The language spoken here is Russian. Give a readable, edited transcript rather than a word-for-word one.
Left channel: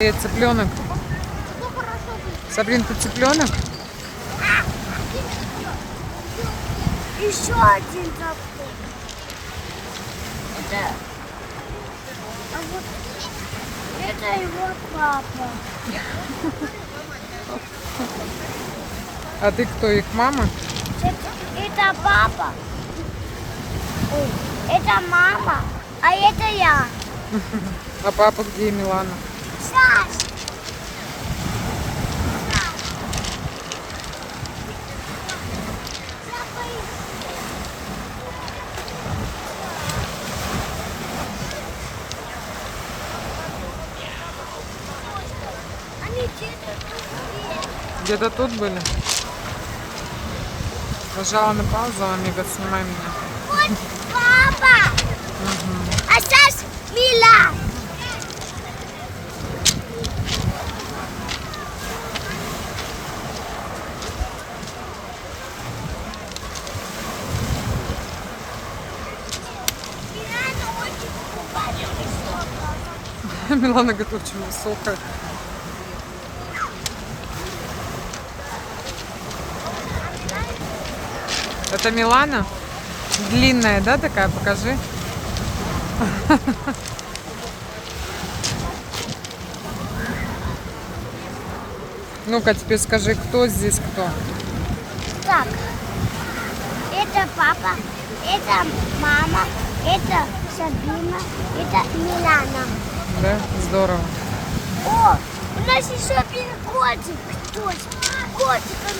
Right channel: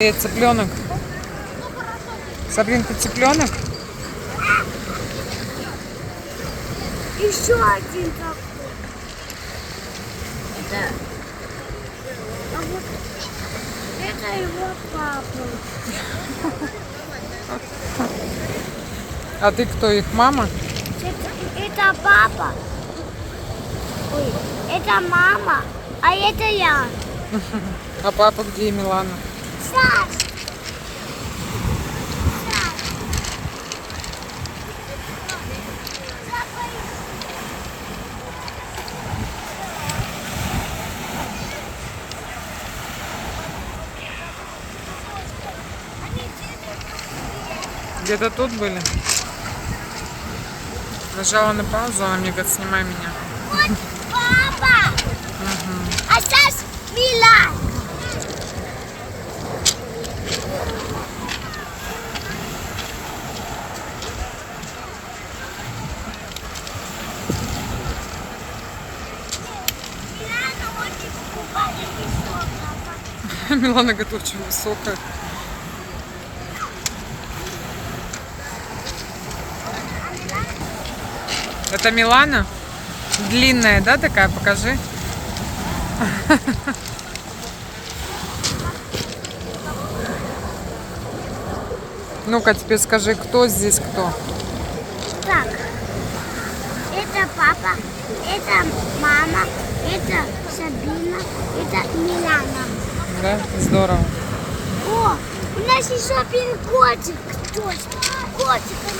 Цыпленок. Сабрин, ты цыпленок? Еще один такой. Это... А вот это его папа. А ты кто, их мама? Это папа. Ой, это мама, а это я. А папа где, Милана? Саш! Где-то тут были? Нажала на паузу, она мне говорит, снимай меня. Вот папа! А сейчас Мила! Милана говорит, очень высокая. Это Милана? Длинная, да, такая? Покажи. Ну-ка, теперь скажи, кто здесь кто? Так, это папа, это мама, это Сабина, это Милана. Да? Здорово. О, у нас еще один котик. Точно, котик, а ну